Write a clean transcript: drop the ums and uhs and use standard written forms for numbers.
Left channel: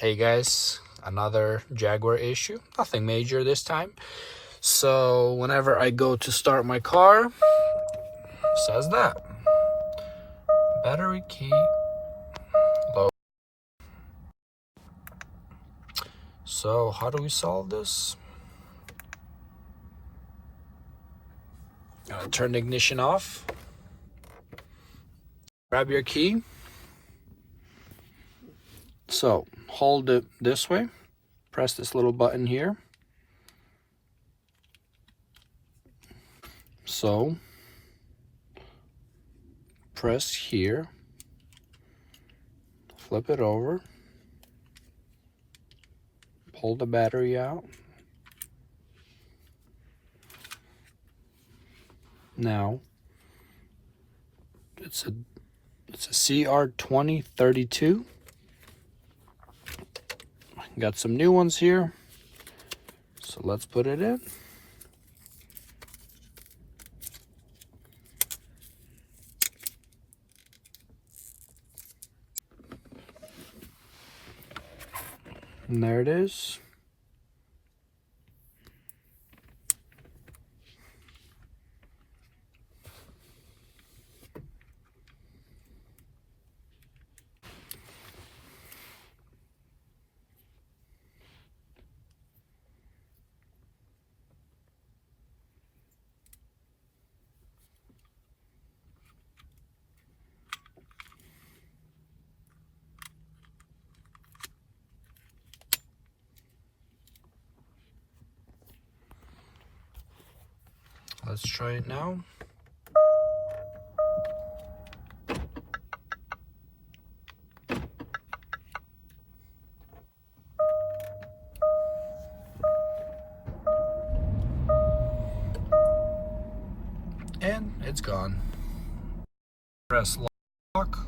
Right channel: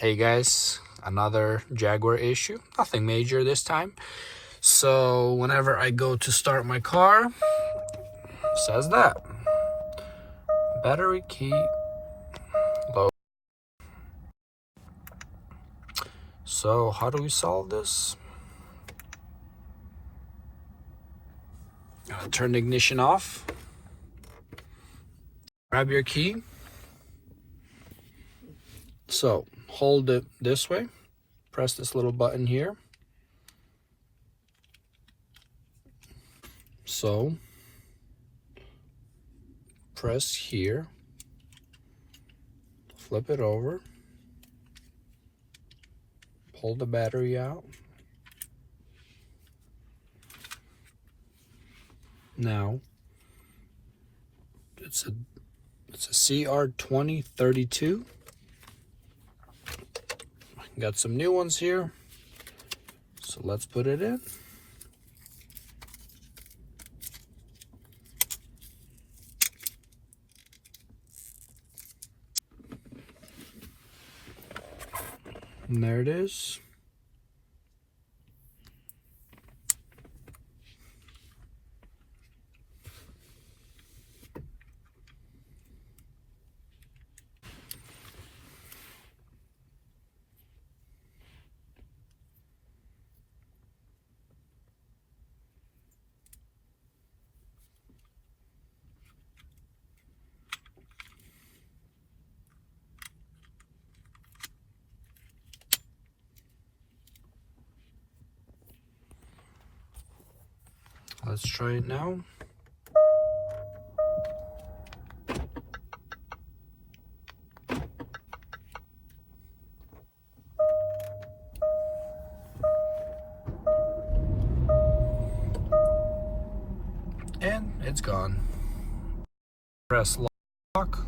Hey guys, another Jaguar issue. Nothing major this time. So whenever I go to start my car, it says that battery key low. So how do we solve this? Turn the ignition off. Grab your key. So hold it this way. Press this little button here. So press here. Flip it over. Pull the battery out. Now it's a CR2032. Got some new ones here, so let's put it in. And there it is. Let's try it now. And it's gone. Press lock.